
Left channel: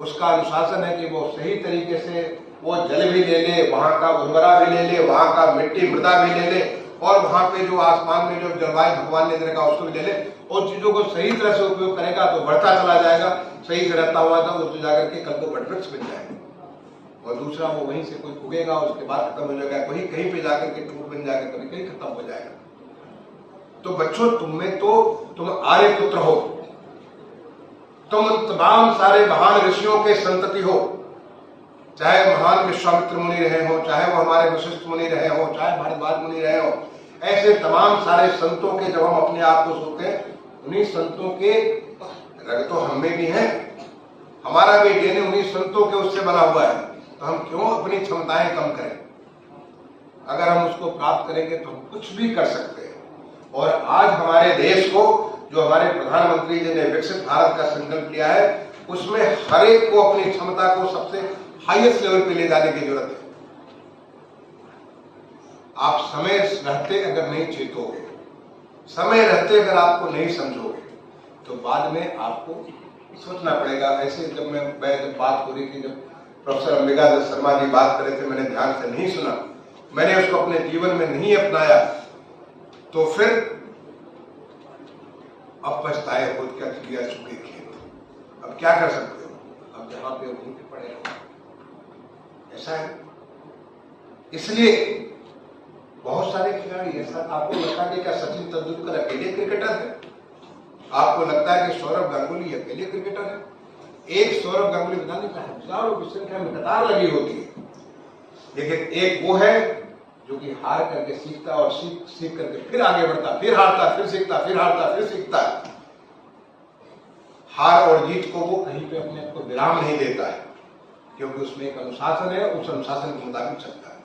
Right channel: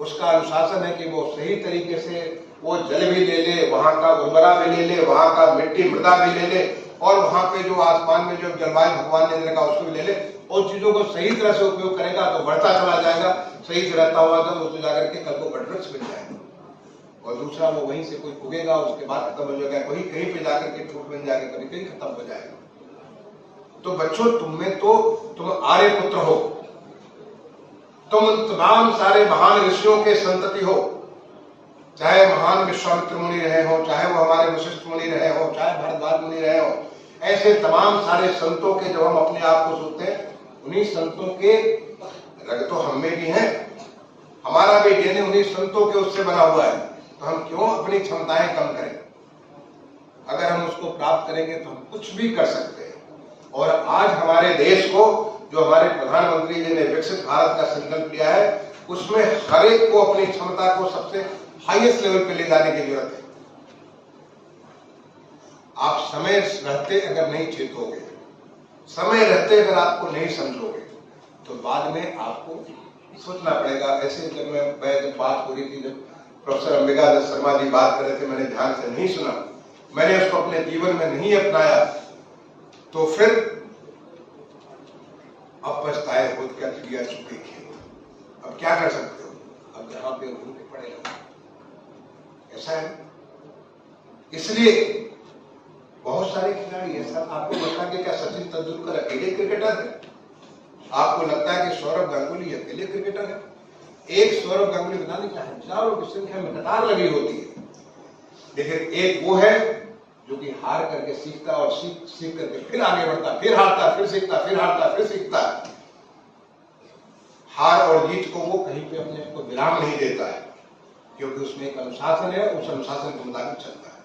उसका अनुशासन है कि वो सही तरीके से वो जल भी ले ले, वहां का उर्वरा भी ले ले, वहां का मिट्टी मृदा भी ले ले, और वहां पे जो आसमान में जो जलवायु भगवान ने दे रखा उसको भी ले ले, और चीजों को सही तरह से उपयोग करेगा तो बढ़ता चला जाएगा, सही से रहता हुआ तो उसको जाकर के कल को वट वृक्ष बन जाएगा। और दूसरा वो वहीं से कोई उगेगा, उसके बाद खत्म हो जाएगा, कहीं कहीं पे जाकर के ठूंठ बन जाएगा, कभी कहीं खत्म हो जाएगा। तो बच्चों, तुम में तो तुम आर्य पुत्र हो, तुम तमाम सारे महान ऋषियों के संतति हो, चाहे महान विश्वामित्र मुनि रहे हो, चाहे वो हमारे वशिष्ठ मुनि रहे हो, चाहे भारद्वाज मुनि रहे हो, ऐसे तमाम सारे संतों के जब हम अपने आप को सोचते हैं, उन्हीं संतों के रग तो हम में भी हैं, हमारा भी डीएनए उन्हीं संतों के उससे बना हुआ है, तो हम क्यों अपनी क्षमताएं कम करें? अगर हम उसको प्राप्त करेंगे तो हम कुछ भी कर सकते हैं। और आज हमारे देश को, जो हमारे प्रधानमंत्री जी ने विकसित भारत का संकल्प लिया है, उसमें हर एक को अपनी क्षमता को सबसे हाईएस्ट लेवल पे ले जाने की जरूरत है। आप समय रहते अगर नहीं चेतोगे, समय रहते अगर आपको नहीं समझोगे, तो बाद में आपको सोचना पड़ेगा। ऐसे जब मैं बात हो रही थी, जब प्रोफेसर अंबिका दत्त शर्मा जी बात कर रहे थे, मैंने ध्यान से नहीं सुना, मैंने उसको अपने जीवन में नहीं अपनाया, तो फिर अब पछताए खुद क्या किया चुके खेत। अब क्या कर सकते हो? अब जहां पे घूम के पड़े रहो, ऐसा है। इसलिए बहुत सारे खिलाड़ी ऐसा, आपको लगता है कि क्या सचिन तेंदुलकर अकेले क्रिकेटर है? आपको लगता है कि सौरभ गांगुली अकेले क्रिकेटर है? एक सौरभ गांगुली बताने का हजारों की संख्या में कतार लगी होती है, लेकिन एक वो है जो कि हार करके सीखता और सीख करके फिर आगे बढ़ता, फिर हारता, फिर सीखता, फिर हारता, फिर सीखता। हार और जीत को वो कहीं पे अपने को विराम नहीं देता है, क्योंकि उसमें एक अनुशासन है, उस अनुशासन के मुताबिक चलता है।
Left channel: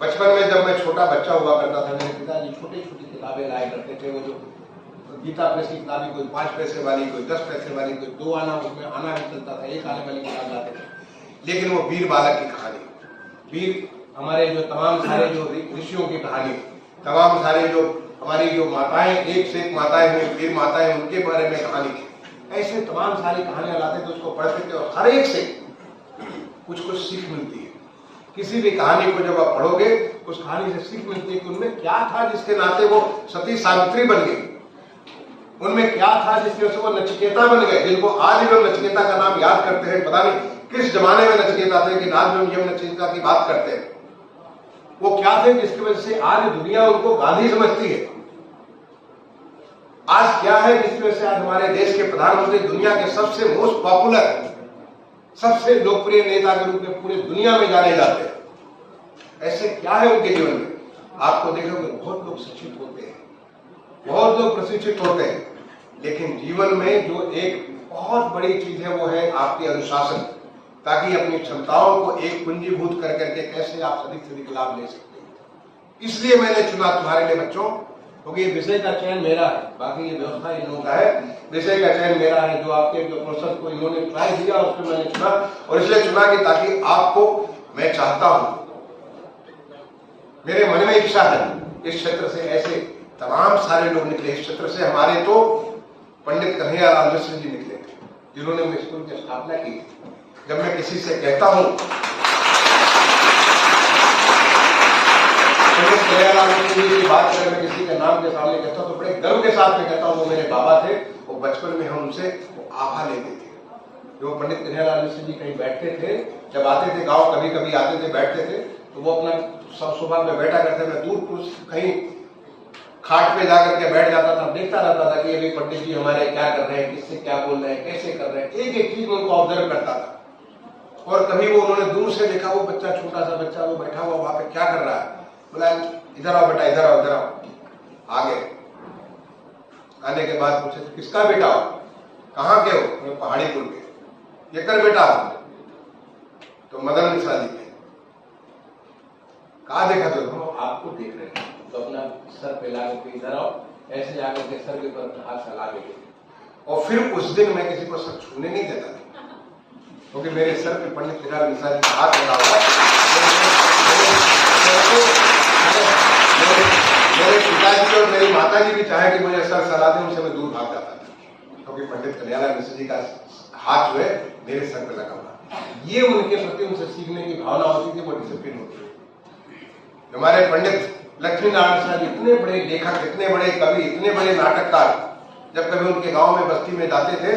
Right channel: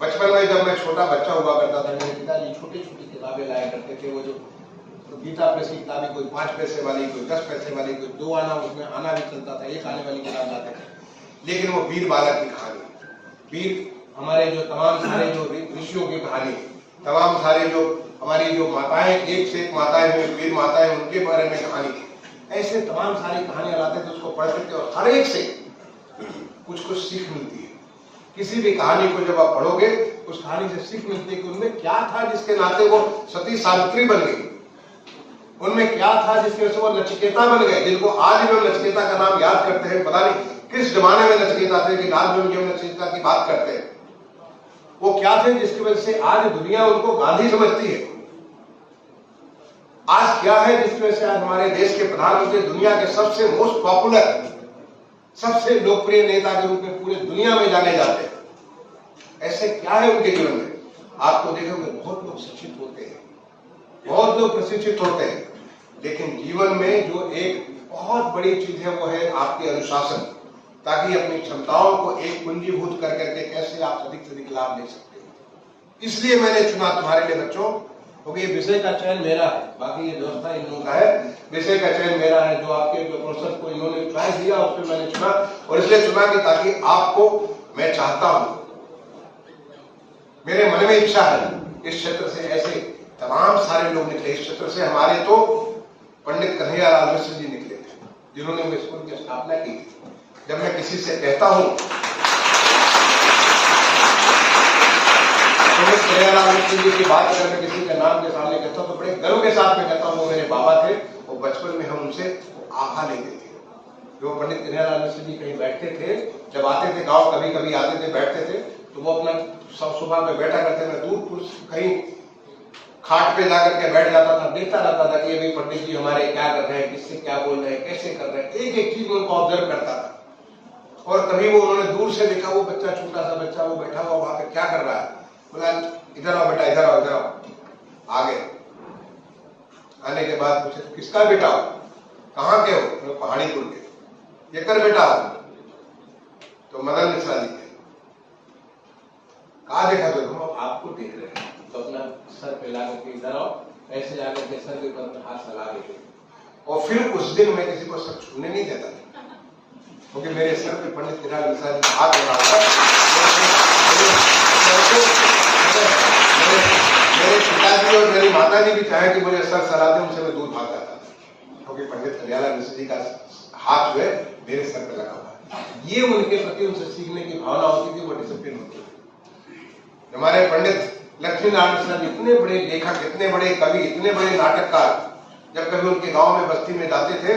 बचपन में जब मैं छोटा बच्चा हुआ करता था, मेरे पिताजी छोटी छोटी किताबें लाया करते थे। वो जो गीता प्रेस की किताबें, कोई 5 पैसे वाली, कोई 10 पैसे वाली, कोई 2 आना, उसमें आना भी चलता था, 1 आने वाली किताब लाते थे। लेकिन वो वीर बालक की कहानी, वीर हमारे जो तमाम सारे जो ऋषियों की कहानी, तमाम सारे जो हमारी जो माताएं, एक से एक माताएं हुई, वीर माताएं, उनके बारे में कहानी, ऐसे तमाम सारी कहानियां लाते थे, उसको पढ़ते थे और हर एक से कुछ कुछ सीख मिलती है। किसी भी कहानी को जब आप पढ़ोगे, उस कहानी से सीख मिलती है कि उनमें क्या था जिसके नाते वो सती सावित्री बन गई, उनमें क्या था जिसकी वजह से वो नचिकेता बन गए, जिनको आज भी हम नचिकेता का नाम याद करते हैं। पता नहीं किस जमाने में नचिकेता थे कि आज भी हम नचिकेता की बात करते हैं। वो क्या थे जिसकी वजह से आज दुनिया उनको गांधी समझती है? आज क्या है जिसकी वजह से आज हमारे देश के प्रधानमंत्री दुनिया के सबसे मोस्ट पॉपुलर, सबसे लोकप्रिय नेता के रूप में पूरे दुनिया में जाने जाते हैं? ऐसे क्या है उनके जीवन में? आपको देखोगे बहुत लोग शिक्षित होते हैं, बहुत लोग प्रशिक्षित होते हैं, लेकिन जीवन में जो एक बहुत बड़ी चीज है वो है आपकी अनुशासन, ताकि अपनी क्षमताओं को एक पूंजीभूत कर करके कैसे आप अधिक से अधिक लाभ ले सकते हो। इसलिए मैंने चुना तुम्हारे लिए बच्चों, क्योंकि ये विषय का चयन मेरा है, बाकी ये व्यवस्था इन लोगों का है, विषय का चयन मेरा है। जो आपके जो प्रोसेस को इन्होंने चॉइस दिया उसमें मैंने चुना, और इसलिए चुना कि ताकि आपको, मैं चाहता हूं, मेरे मन में इच्छा है इस क्षेत्र से ऐसे तमाम सारे लोग निकले। इस क्षेत्र से हमारे तो पंडित कन्हैयालाल मिश्र जी निकले थे, जिन्होंने वो स्कूल की स्थापना की। जब मैं किसी से कहता हूं पंडित कन्हैयालाल मिश्र जी की बात करें, मैं किसी के नाम के सामने कहता हूं तो बड़े गर्व के साथ में कहता हूं वो मेरे बाबा थे। वो बचपन में हम उनसे आभा लेते थे। जो पंडित कन्हैयालाल मिश्र जी कहीं बैठते थे, जब आते थे गांव, कभी कभी आते थे, बैठते थे, तो वो अपना सब सुबह में बैठा करते। मैं दूर कहीं खाट पे जाकर के बैठ जाता था, देखता रहता था कि अभी पंडित जी हमारे क्या कर रहे हैं, किससे क्या बोल रहे हैं, कैसे कर रहे हैं, एक एक चीज उनको ऑब्जर्व करता था। और कभी वो उन्होंने दूर से देखा, वो बच्चा, छोटा सा बच्चा वो बैठा हुआ वहां पे क्या कर रहा है, बोला इधर आओ बेटा, इधर आओ, इधर आओ। आगे आने के बाद पूछे किसका बेटा हो, कहाँ के हो, पहाड़ीपुर के। ये कर बेटा हो तो मदन मिश्रा जी के। कहा देखा तो हम आपको देख रहे हैं, तो अपना सर पे ला करके इधर आओ, ऐसे जाकर के सर के ऊपर अपना हाथ फैला के। और फिर उस दिन मैं किसी को सर छूने नहीं देता था, क्योंकि मेरे सर पे पंडित कन्हैयालाल मिश्रा जी का हाथ लगा हुआ। मेरे पिताजी और मेरी माता जी भी चाहे कि मुझे सर सरा दे, उनसे मैं दूर भाग जाता था, क्योंकि पंडित कन्हैयालाल मिश्रा जी का हाथ जो है मेरे सर पे लगा हुआ। ये उनके प्रति उनसे सीखने की भावना होती थी, वो डिसिप्लिन होती थी। हमारे पंडित लक्ष्मी नारायण मिश्रा जी इतने बड़े लेखक, इतने बड़े कवि, इतने बड़े नाटककार, जब कभी उनके गांव में बस्ती में जाते थे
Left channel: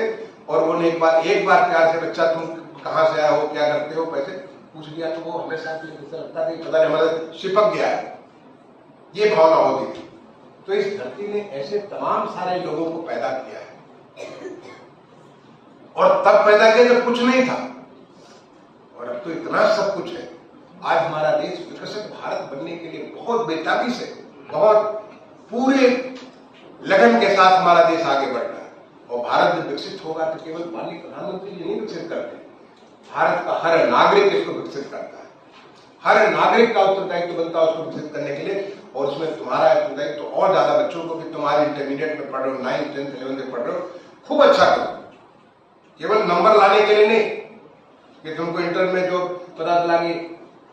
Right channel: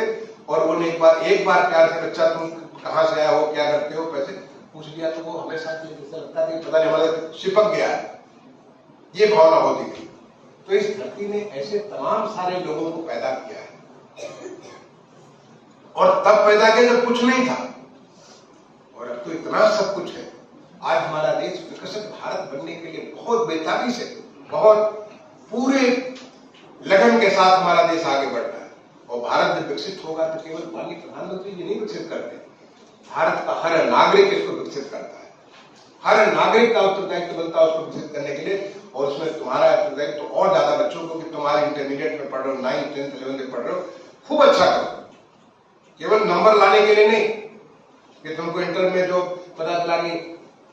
और उन्हें एक बार प्यार से बच्चा तुम कहां से आया हो, क्या करते हो, पैसे पूछ लिया, तो वो हमेशा जैसे लगता था पता नहीं हमारे चिपक गया है, ये भावना होती थी। तो इस धरती ने ऐसे तमाम सारे लोगों को पैदा किया है, और तब पैदा किया जब कुछ नहीं था, और अब तो इतना सब कुछ है। आज हमारा देश विकसित भारत बनने के लिए बहुत बेताबी से, बहुत पूरे लगन के साथ हमारा देश आगे बढ़ रहा है। और भारत जब विकसित होगा तो केवल माननीय प्रधानमंत्री जी नहीं विकसित करते, भारत का हर नागरिक इसको विकसित करता है। हर नागरिक का उत्तरदायित्व बनता है उसको विकसित करने के लिए, और उसमें तुम्हारा उत्तरदायित्व तो और ज्यादा बच्चों को, कि तुम्हारे इंटरमीडिएट में पढ़ रहे हो, 9th 10th 11th में पढ़ रहे हो, खूब अच्छा करो। केवल नंबर लाने के लिए नहीं कि तुमको इंटर में जो पता चला कि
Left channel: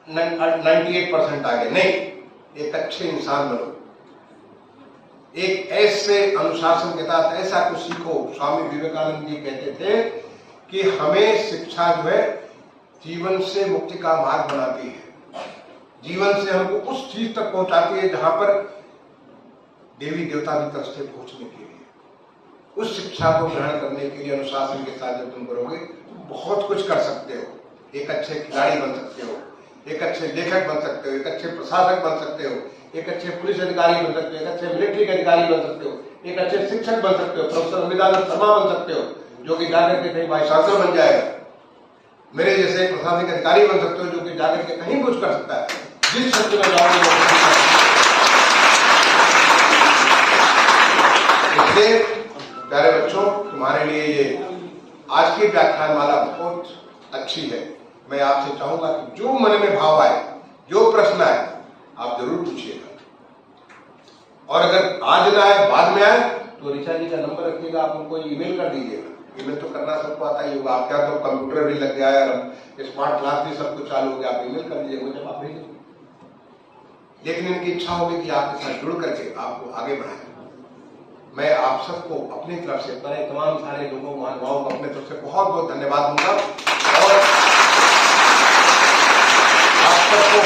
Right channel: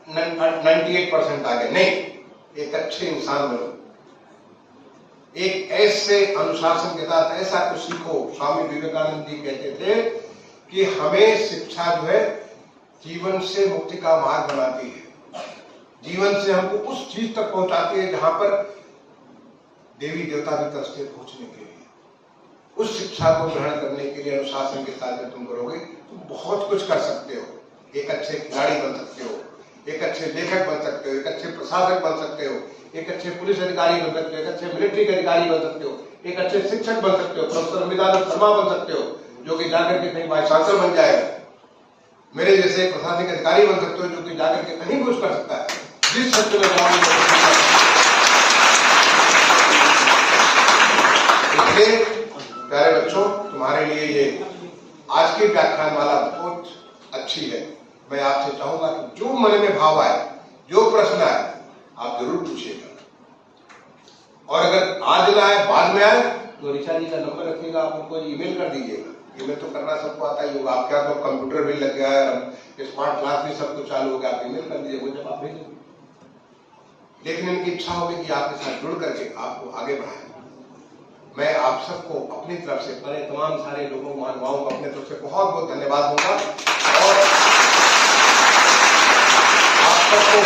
98% आ गए, नहीं, एक अच्छे इंसान बनो, एक ऐसे अनुशासन के साथ ऐसा कुछ सीखो। स्वामी विवेकानंद जी कहते थे कि हमें शिक्षा जो है जीवन से मुक्ति का मार्ग बनाती है, जीवन से हमको उस चीज तक पहुंचाती है जहां पर देवी देवता भी तरसते पहुंचने के लिए। उस शिक्षा को ग्रहण करने के लिए अनुशासन के साथ जब तुम करोगे तो बहुत कुछ कर सकते हो। एक अच्छे खिलाड़ी बन सकते हो, एक अच्छे लेखक बन सकते हो, एक अच्छे प्रशासक बन सकते हो, एक अच्छे पुलिस अधिकारी बन सकते हो, एक अच्छे मिलिट्री के अधिकारी बन सकते हो, एक अच्छे शिक्षक बन सकते हो, प्रोफेसर अमिताभ शर्मा बन सकते हो, जो कि जाकर के कहीं वाइस चांसलर बन जाएगा। मेरे जैसे एक प्रशासनिक अधिकारी बन सकते हो, जो कि जाकर के कहीं कुछ कर सकता है, जिस क्षेत्र में जाओगे। इसलिए प्यारे बच्चों, तुम्हारे लिए ये आज की व्याख्यान माला बहुत अच्छी है। मैं आपसे चाहूंगा कि जो मन में भाव आए, जो प्रश्न आए, आप जरूर पूछिएगा। और अगर आज ना आए, बाद में आए, तो ऋचा जी का नंबर रखिएगा, आप उनको ईमेल कर दीजिएगा। ईमेल तो करना सबको आता ही होगा, आप क्या तो कंप्यूटर भी लग गया है, स्मार्ट क्लास भी सब कुछ चालू हो गया, आप ईमेल कर दीजिए, वो जब आप भेजेंगे। लेकिन इनकी इच्छा होगी कि आपके साथ जुड़ करके आपको आगे बढ़ाए। मैं आप सबको अपनी तरफ से, मेरे तमाम सारे लोगों, महानुभावों को अपनी तरफ से बहुत बहुत धन्यवाद दूंगा। और आप सबको,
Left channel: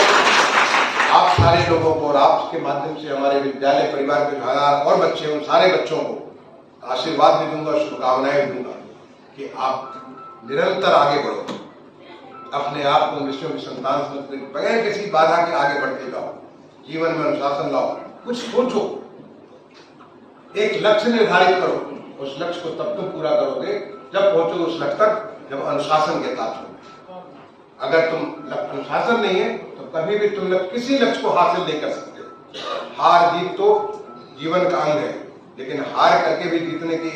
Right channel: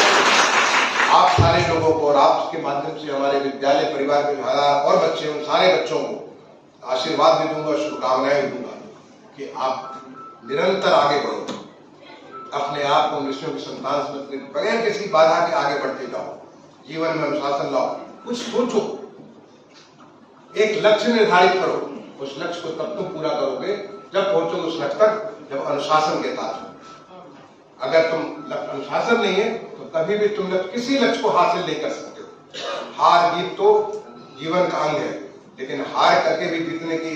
आप सारे लोगों को और आपके माध्यम से हमारे विद्यालय परिवार के जो हजार और बच्चे, उन सारे बच्चों को आशीर्वाद भी दूंगा, शुभकामनाएं भी दूंगा कि आप निरंतर आगे बढ़ो, अपने आप को ऋषियों की संतान समझ बगैर किसी बाधा के आगे बढ़ते जाओ, जीवन में अनुशासन लाओ, कुछ सोचो, एक लक्ष्य निर्धारित करो, उस लक्ष्य को तब तुम पूरा करोगे जब पहुंचोगे उस लक्ष्य तक जब अनुशासन के साथ हो। अगर तुम अनुशासन नहीं है तो कभी भी तुम किसी लक्ष्य को हासिल नहीं कर सकते हो। हार जीत तो जीवन का अंग है, लेकिन हार करके भी जीतने की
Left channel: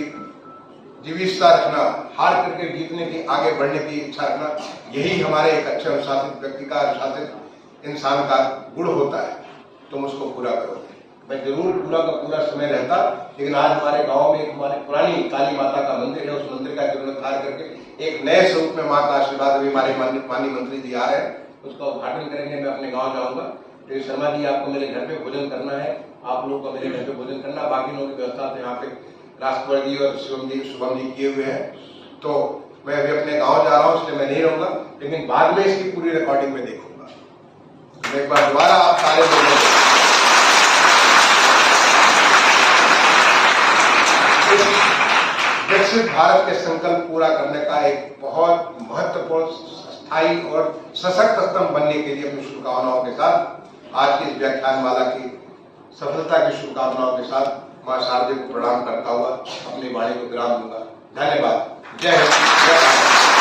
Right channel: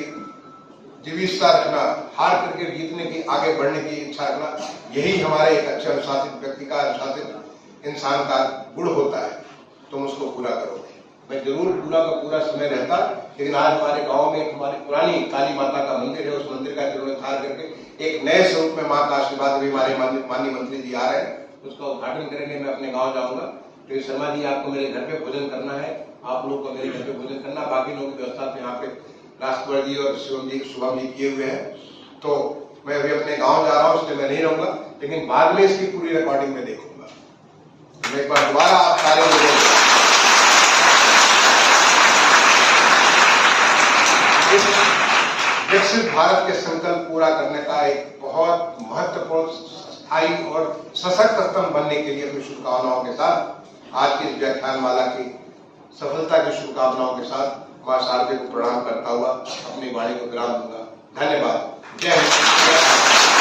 जीविका रखना, हार करके जीतने की, आगे बढ़ने की इच्छा रखना, यही हमारे एक अच्छे अनुशासित व्यक्ति का, अनुशासित इंसान का गुण होता है। तुम उसको पूरा करोगे। मैं जरूर पूरा का पूरा समय रहता, लेकिन आज हमारे गांव में एक हमारी पुरानी काली माता का मंदिर है, उस मंदिर का जीर्णोद्धार करके एक नए स्वरूप में मां का आशीर्वाद अभी हमारे माननीय मंत्री जी आ रहे हैं, उसका उद्घाटन करेंगे। मैं अपने गाँव जाऊंगा। तो शर्मा जी, आपको मेरे घर पे भोजन करना है, आप लोग को मेरे घर पे भोजन करना, बाकी लोगों की व्यवस्था तो यहाँ पे राजकुमार जी और शुभम जी किए हुए हैं। तो मैं अभी अपने गांव जा रहा हूँ, इसलिए मैं नहीं रहूंगा, लेकिन बाद में इसकी पूरी रिकॉर्डिंग में देखूंगा। मैं एक बार दोबारा आप सारे लोगों विकसित भारत के संकल्प पूरा करने का एक बहुत महत्वपूर्ण, स्थायी और सशक्त स्तंभ बनने के लिए अपनी शुभकामनाओं के साथ आज की इस व्याख्यान माला की सफलता की शुभकामनाओं के साथ मां शारदे को प्रणाम करता हुआ अपनी वाणी को विराम दूंगा। धन्यवाद। जय हिंद, जय भारत।